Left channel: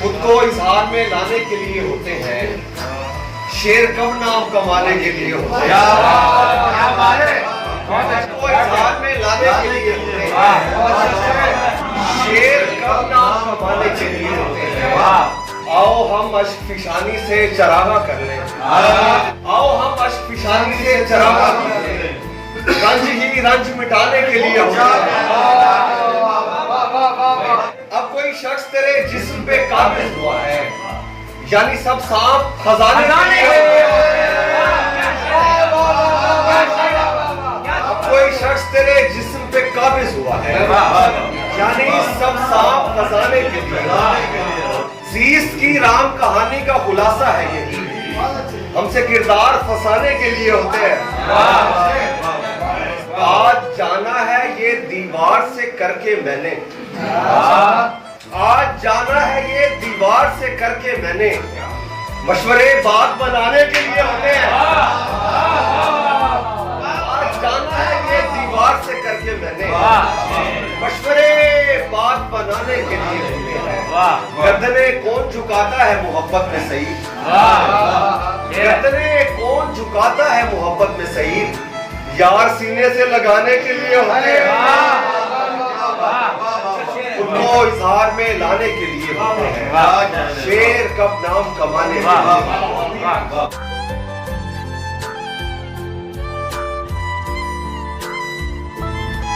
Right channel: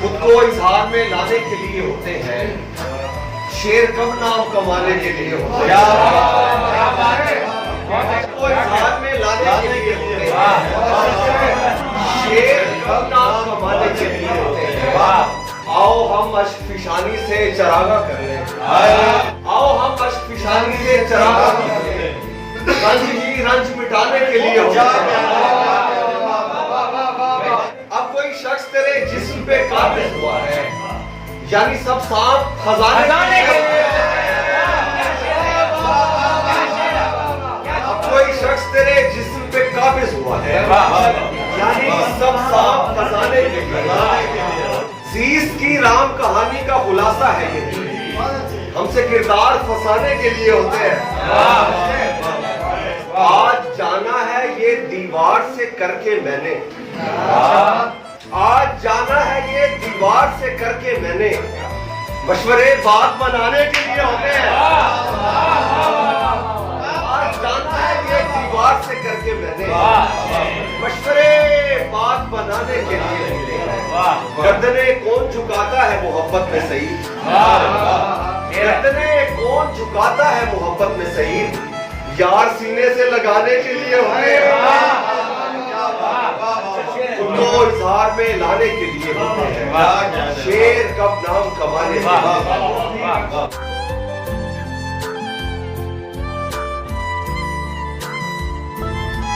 खुद को इजहार में लाने के लिए होते हैं, शेर कब नाम कमाने के लिए होते हैं। खुद को इजहार में लाने के लिए होते हैं, शेर कब नाम कमाने के लिए होते हैं। आओ हम अश्क फिशानी से चरागा कर लें, आओ हम अश्क फिशानी से चरागा कर लें, रंज ही रंज मिटाने के लिए होते हैं। अब कोई शख्स तेरे जिस्म पे काबिज हुआ है, यानी सब सांप खजाने के लिए। अब कोई शख्स तेरे जिस्म पे काबिज हुआ है, यानी सब सांप खजाने के लिए। जीस की राम कहानी का खुलासा है ये, हमसे किरदार फंसाने के लिए होते हैं। आज जाना है ये दीवार से करके मैंने, आज जाना है ये दीवार से करके मैंने, मशवरे बात बनाने के लिए होते हैं। आज जाना है ये दीवार से करके मैंने, मशवरे बात बनाने के लिए होते हैं। गर्दने कौन झुकाता है मोहब्बत में सही, गर्दने कौन झुकाता है मोहब्बत में सही, यार सीने से लगाने के लिए होते हैं। उनको इजहार में लाने के लिए होते हैं, शेर कब नाम कमाने के लिए।